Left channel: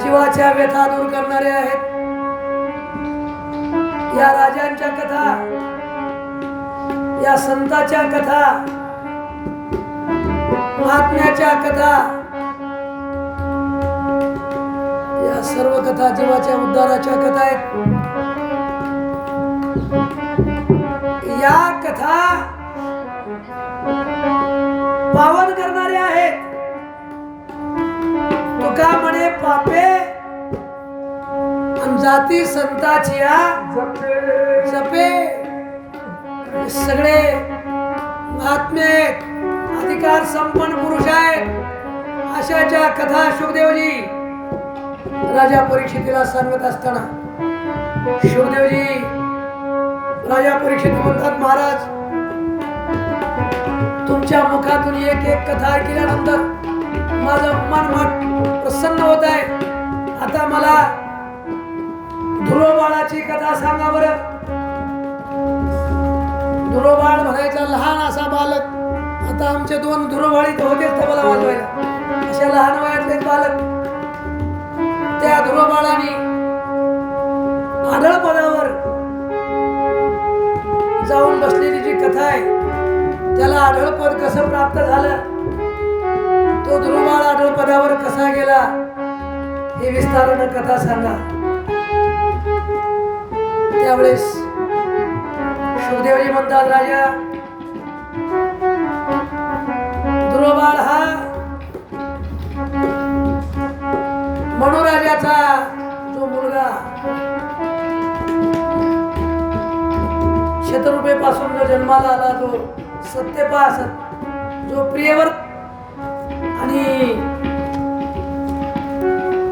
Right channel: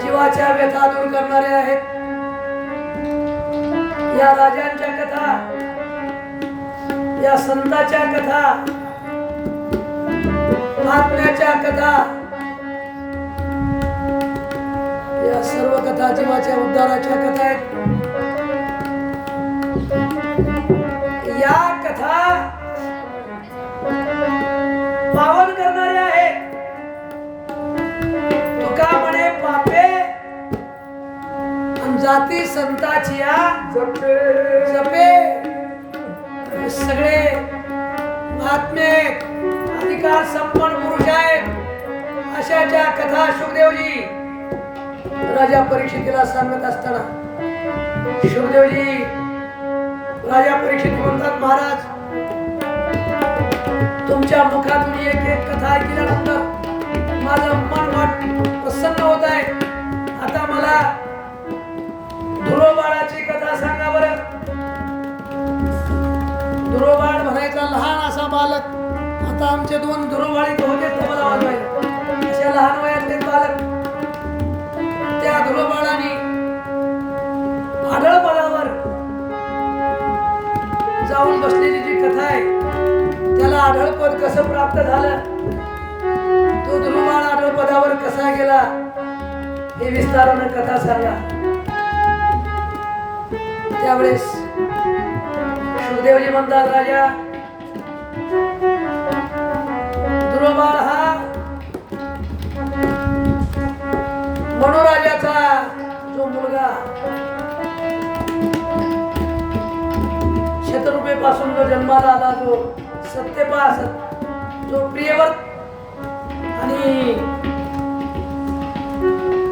जीवाच्या व्यथा दूर करणारे आहेत या राजांच्या कथा, या संतांच्या कथा, महात्म्याच्या कथा, या सर्व कथा जीवाच्या उद्धाराच्या कथा आहेत। या कथा पावन करणारे आहेत। तुका म्हणे पापे जाती संताचिया जपे सगळे महात्मे अधिकार संपन्न पुरुष आहेत अशाच्या कथा शुभदेवजी राजा परीक्षितीला सांगत असताना शुभदेवजी राजा परीक्षित म्हणतात, महाराज तुमच्या मुखातून एक एक कथा ऐकल्यानंतर माझं मन प्रसन्न होत आहे। आता मला धुरोबाळाची कथा सांगा बरं। धुरोबाळ म्हणायचा लहान असा बालक, आता आमचे दोन धुरोबाळी होतेच तबला वाजवायला, अशा लहान वयातले बालक त्या धुरोबाळाने आढळ पदावर जाऊन बसलेली जी कथा आहे त्याला आढळ पद कसं प्राप्त झालं, तो धुरोबाळ आढळ पदावर कसा गेला हे विस्ताराने कथा सांगा। त्यावेळेस शुभदेवजी म्हणतात, राजा धुरोबाळ हा मनोराजाचा जो मुलगा शत्रुपेपासून जो जन्माला आला, जो सत्यपास, जो प्रियव्रत आणि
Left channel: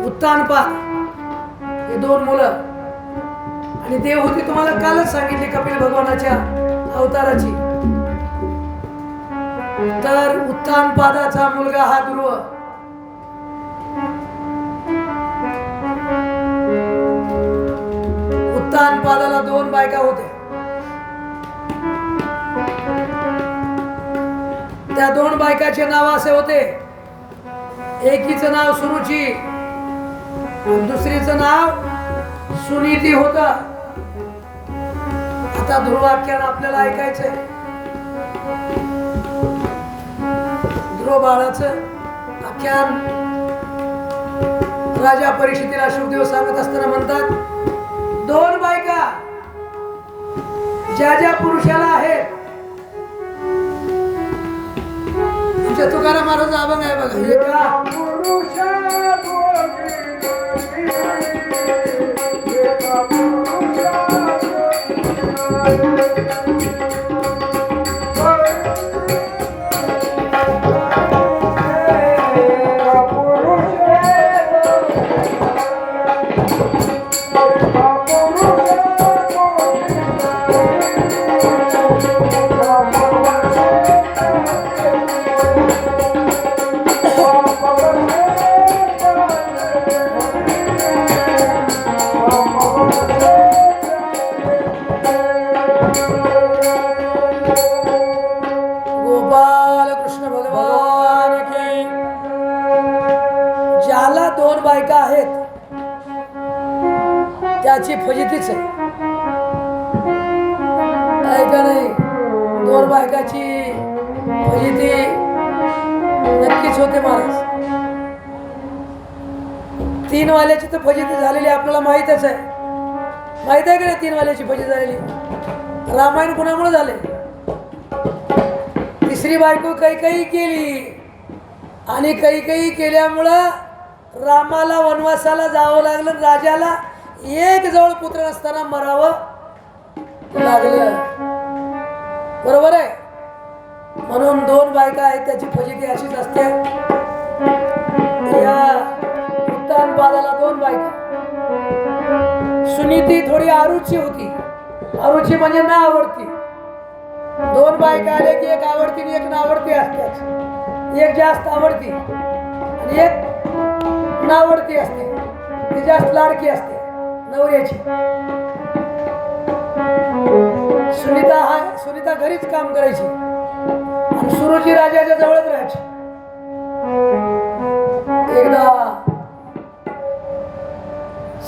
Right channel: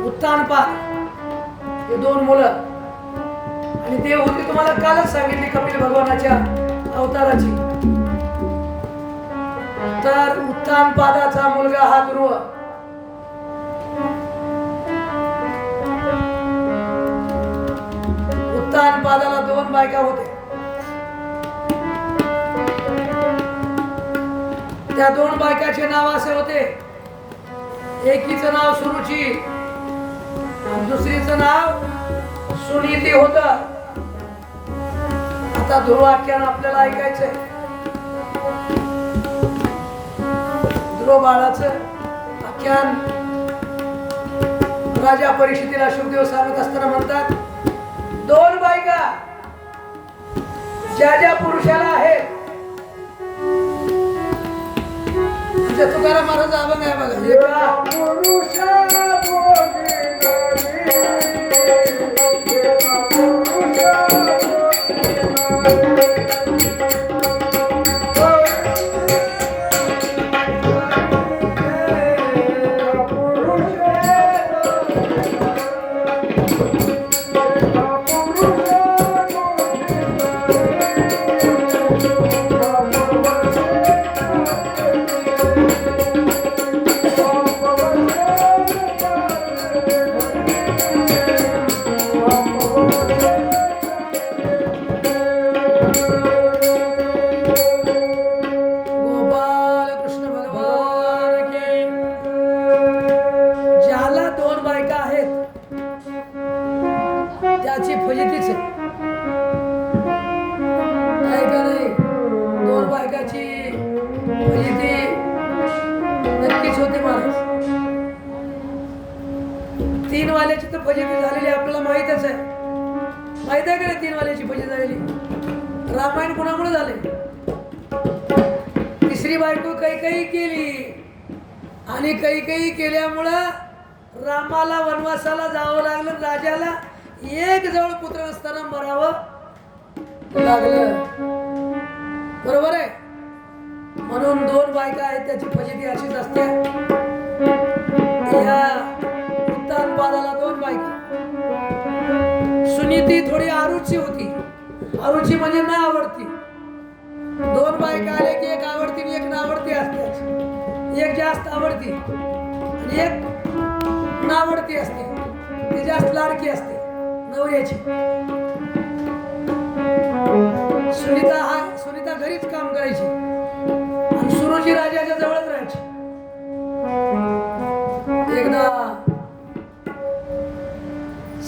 उत्तानपाद हे दोन मुलं, आणि देव होती तुम्हाला कालच सांगितली कपिल भगवानाच्या अवताराची। तर उत्तानपादाचा मुलगा हा ध्रुव, उत्तानपादाला दोन बायका होते। त्या दोन बायकाचे नाव असे होते, एकीचं नाव सुरुची, दुसरीचं नाव सुनीती होत। आता ध्रुव आख्यान आपल्याला ऐकायचंय। ध्रुव बाळाचं आख्यान राजा परीक्षितीला शुभदेव सांगत असताना म्हणतात, दोन बायका ज्या ज्या पुरुषाला आहेत, तुकाराम महाराज अभंग आहे बघा, एका पुरुषा बाळाची फजितीच आहे का नाही? दोन बायकाची फजिती नक्कीच होते महाराज. 3 वाल्याची तर फजिती झालेली आपल्याला माहीतच आहे. माहित आहे का 3 वाल्याची फजिती झालेली? रामायण कोणामुळे झाले? तिसरी बायको कैकेयी केली आणि कैकेयी केल्यामुळं रामाला वनवासाला जावं लागलं. राजाला एक जवळ पुत्र असताना मरावं लागलं. बरोबर आहे. म्हणून 2 बायका आहेत, त्याची फजिती अशीच असते. या उत्तानपादाला 2 बायका. सुनीती थोडी आरुची होती. आरुची म्हणजे ना आवडती. 2 बायका आले की एक आवडती आणि एक नावडती असते. एक जास्त आवडती आणि एक नावडती असते. ती जास्त लाडकी असते नवऱ्याची. सुनीता घरीच काम करायची आणि सुरुची राजाच्या जवळच राहायची. एकदा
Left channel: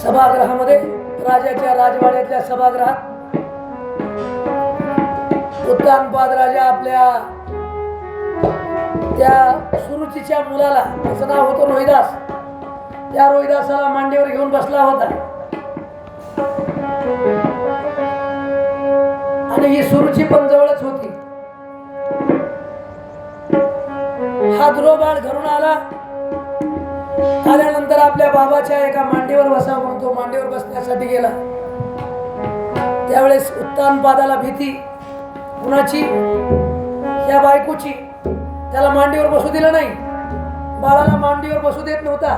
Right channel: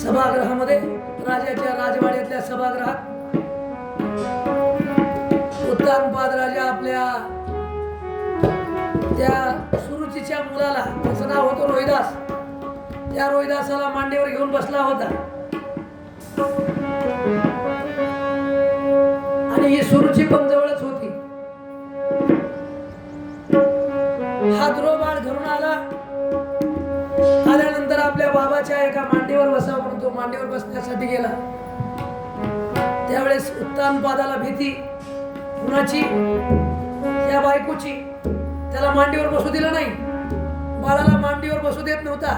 सभागृहामध्ये, राजाच्या राजवाड्यातल्या सभागृहात उत्तानपाद राजा आपल्या त्या सुरुचीच्या मुलाला, त्याचं नाव होतं रोहिदास, त्या रोहिदासाला मांडीवर घेऊन बसला होता आणि ही सुरुची पण जवळच होती. हा ध्रुवबाळ घरून आल्यानंतर आपल्या बाबाच्या एका मांडीवर बसा म्हणून तो मांडीवर बसण्यासाठी गेला. त्यावेळेस उत्तानपादाला भीती कुणाची? या बायकोची. त्याला मांडीवर बसू दिलं नाही. बाळाला मांडीवर बसू देत नव्हता.